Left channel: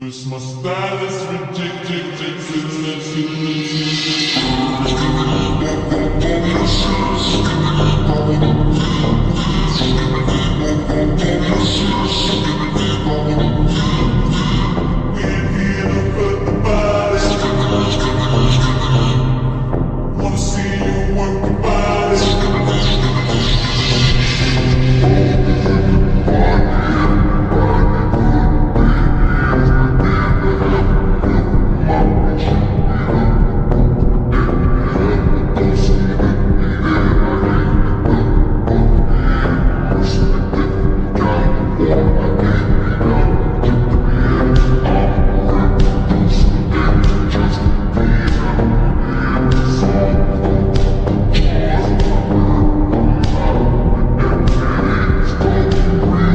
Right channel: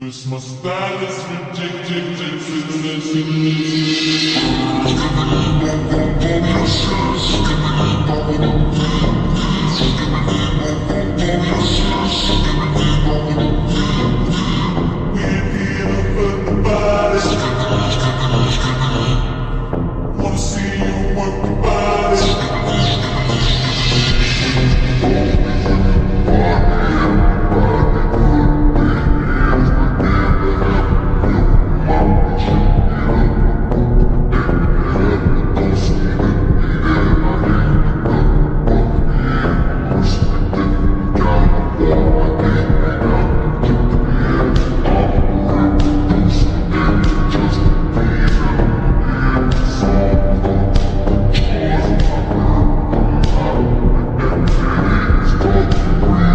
Cause my style is ridiculous. We're here to put the body. Wanna see you work the body. Yeah.